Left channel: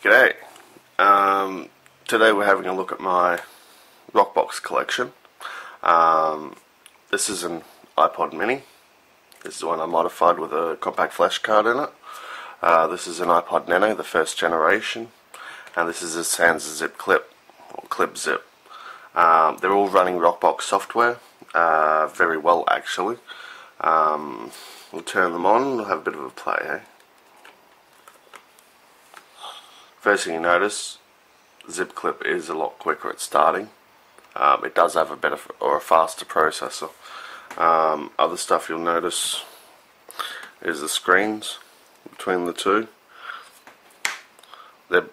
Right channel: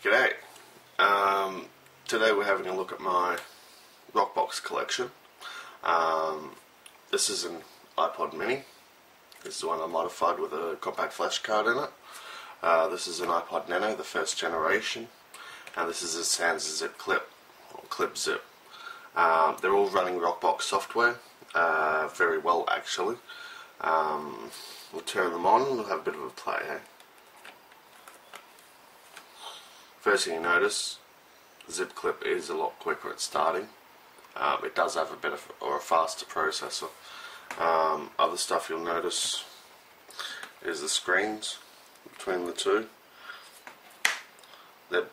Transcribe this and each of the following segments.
G'day. Today we're having a look at my Rockbox collection. This is an iPod mini. This is the one I modified with a compact flash card in it. This is an iPod Nano, the first generation, and this is a Sansa Clip Zip. They're all running Rockbox software, very well actually. We'll turn them on, we'll have a bit of a play, eh? First thing you notice, zip clip is a lot quicker at starting. It does have a better or a faster processor. Other stuff you'll notice is the screens between the two.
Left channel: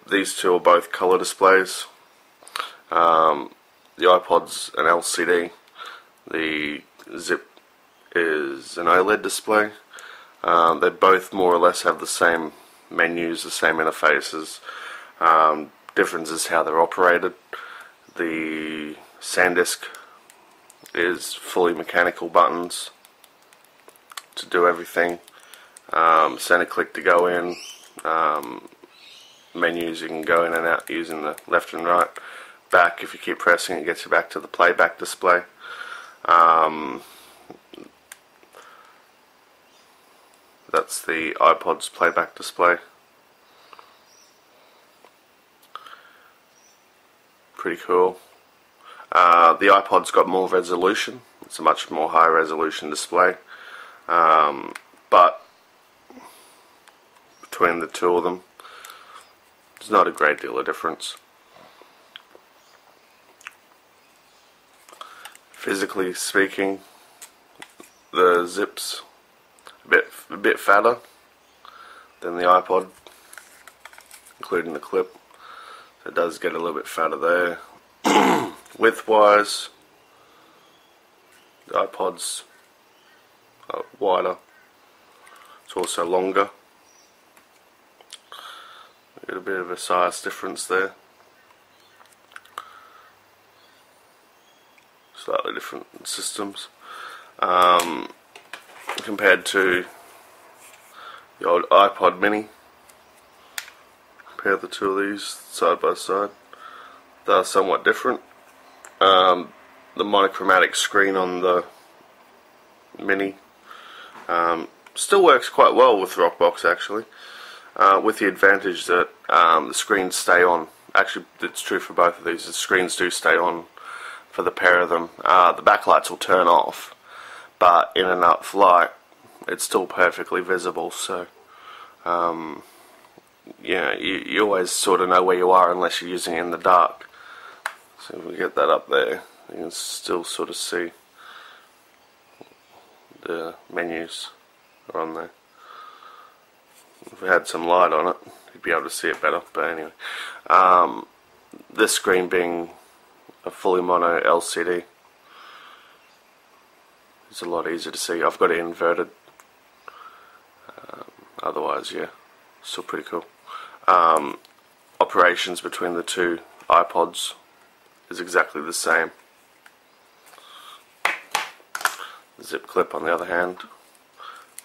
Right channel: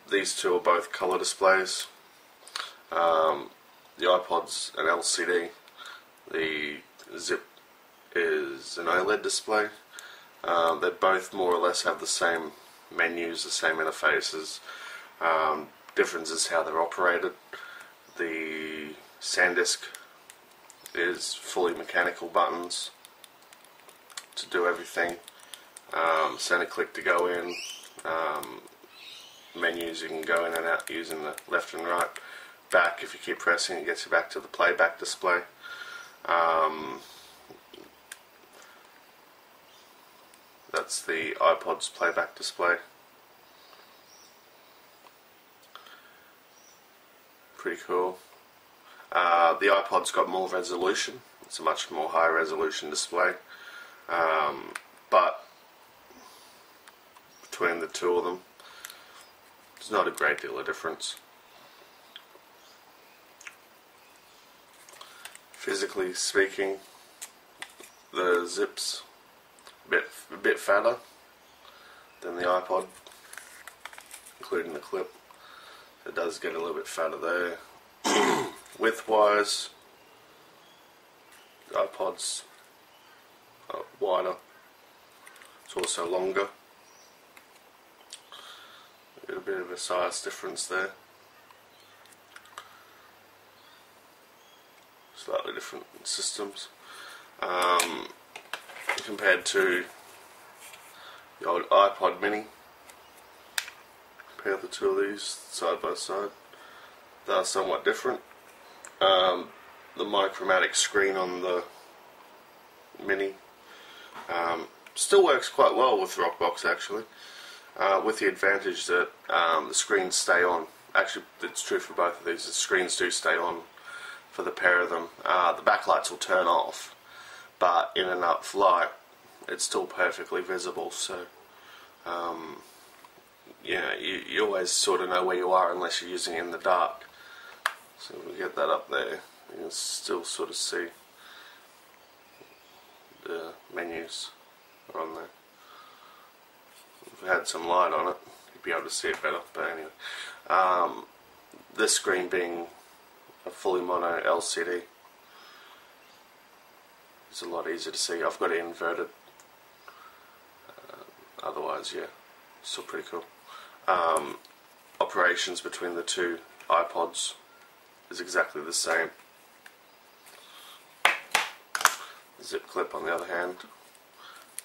These two are both color displays. The iPod's an LCD. The zip is an OLED display. They both more or less have the same menus, the same interfaces. Difference is how they're operated. The Sandisk is fully mechanical buttons to do everything. Center click to go in. Menus you can go in and out using the left and right. Back, if you keep pressing, it gets you back to the playback display. That's the iPod's playback display. Pretty cool. The iPod's got more resolution. It's a much more high resolution display. But between the two of them, there's not a great deal of difference. Physically speaking, the zip's a bit fatter than the iPod, including the clip. It does get a little bit fatter there. Width-wise, the iPod's wider. It's also longer. You get a bit of a size difference there. Slightly different systems. Compared to the old iPod mini. Compare the two of these side by side. They are somewhat different. The monochromatic screen on the mini still works quite well with Rockbox actually, with the advantage that the screens stay on. Actually, it's true for both of these. The screens do stay on for the pair of them. The backlights will turn off, but in enough light it's still perfectly visible, so yeah, you always sort of know where you are unless you're using it in the dark. So if we get that up there, you can still sort of see the menus are on there. If we had some light on it, you'd be able to see it better, but anyway. This screen being a fully mono LCD, it's a lot easier to see. I've got it inverted. Otherwise, yeah, still pretty cool. Operations between the two iPods is exactly the same. The zip clip, on the other hand,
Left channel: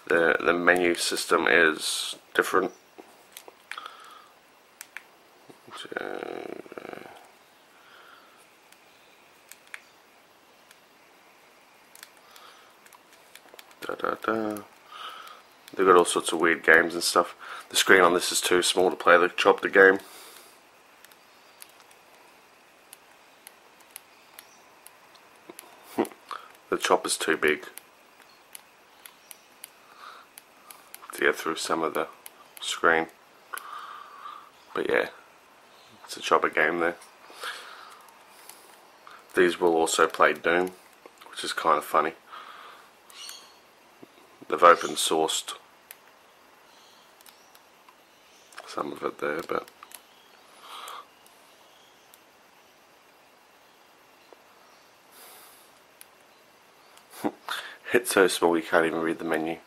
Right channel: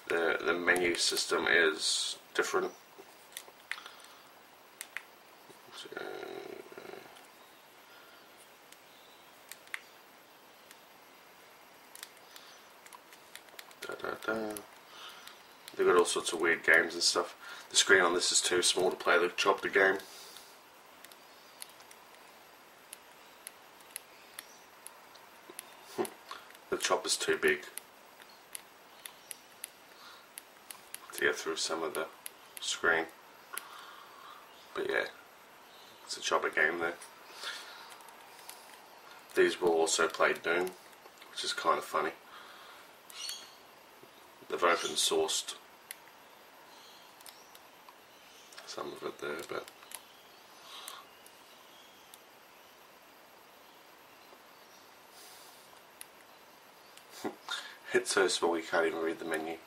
the menu system is different. They've got all sorts of weird games and stuff. The screen on this is too small to play the chopper game. The chopper's too big to get through some of the screen. But yeah, it's a chopper game there. These will also play Doom, which is kind of funny. They've open sourced some of it there, but it's so small you can't even read the menu.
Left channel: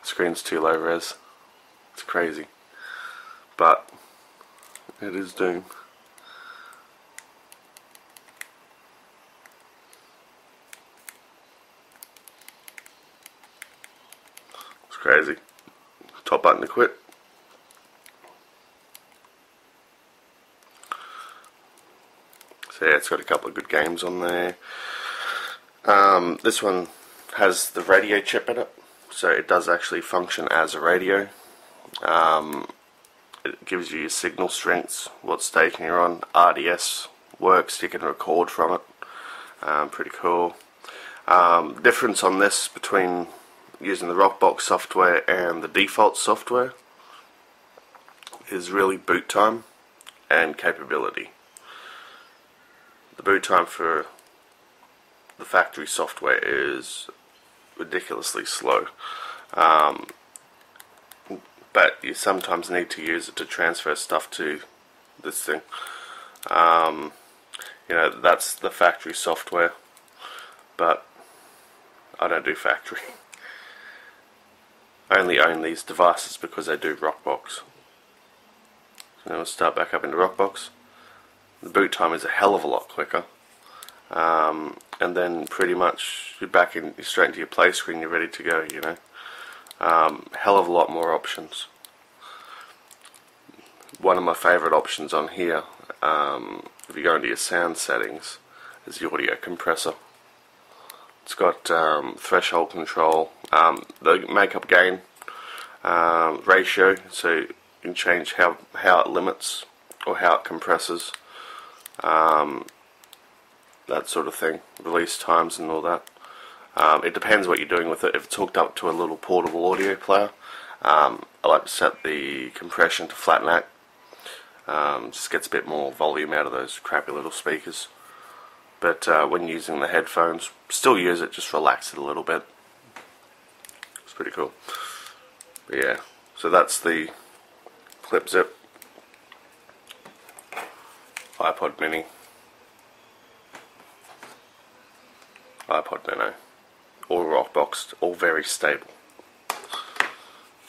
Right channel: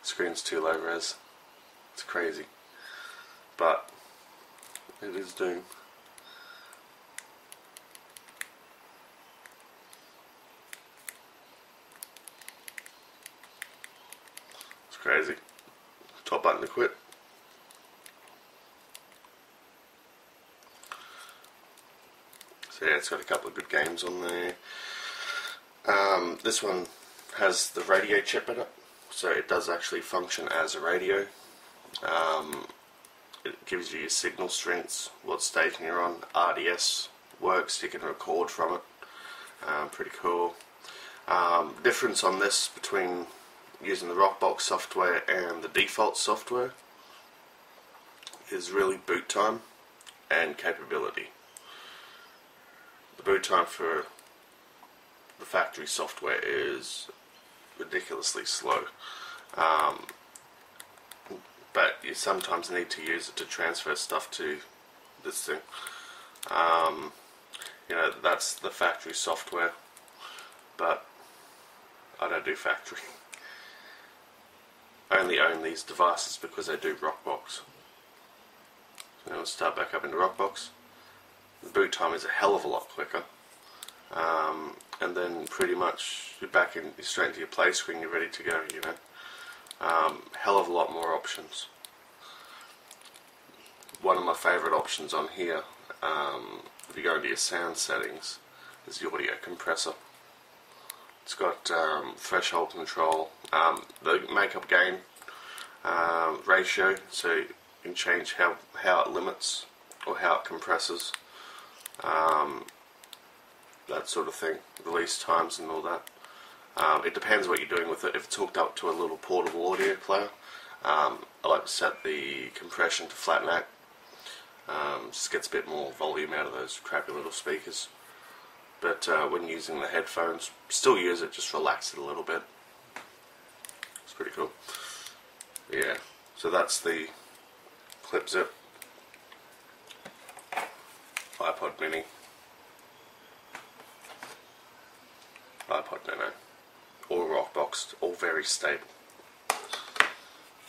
The screen's too low res. It's crazy, but it is Doom. It's crazy. Top button to quit. So yeah, it's got a couple of good games on there. This one has the radio chip in it, so it does actually function as a radio. It gives you your signal strengths, what station you're on. RDS works, you can record from it. Pretty cool. Difference on this between using the Rockbox software and the default software is really boot time and capability. The boot time for the factory software is ridiculously slow, but you sometimes need to use it to transfer stuff to this thing. You know, that's the factory software, but I don't do factory. I only own these devices because I do Rockbox. So now we'll start back up into Rockbox. The boot time is a hell of a lot quicker. And then pretty much you're back in, you're straight into your play screen, you're ready to go, you know. Hell of a lot more options. One of my favourite options on here, if you go into your sound settings, is the audio compressor. It's got threshold control, the makeup gain ratio, so you can change how it limits or how it compresses. That sort of thing, release times and all that. It depends what you're doing with it. If it's hooked up to a little portable audio player, I like to set the compression to flat neck. Just gets a bit more volume out of those crappy little speakers. But when using the headphones, still use it, just relax it a little bit. It's pretty cool. But yeah, so that's the Clip Zip, iPod Mini, iPod Nano, all Rockboxed, all very stable.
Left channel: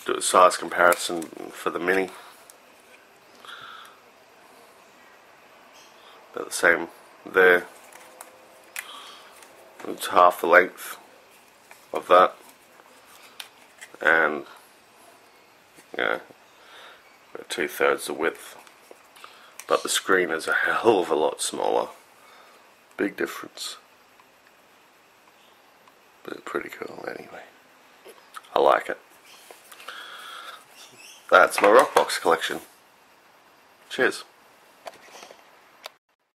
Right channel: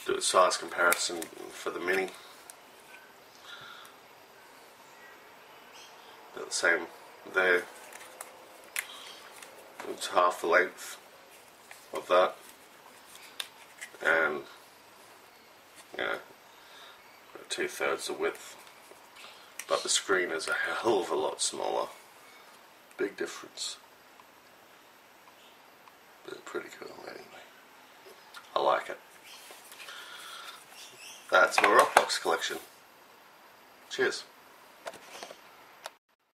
Do a size comparison for the Mini. About the same there. It's half the length of that, and yeah, 2/3 the width. But the screen is a hell of a lot smaller. Big difference. But pretty cool anyway. I like it. That's my Rockbox collection. Cheers.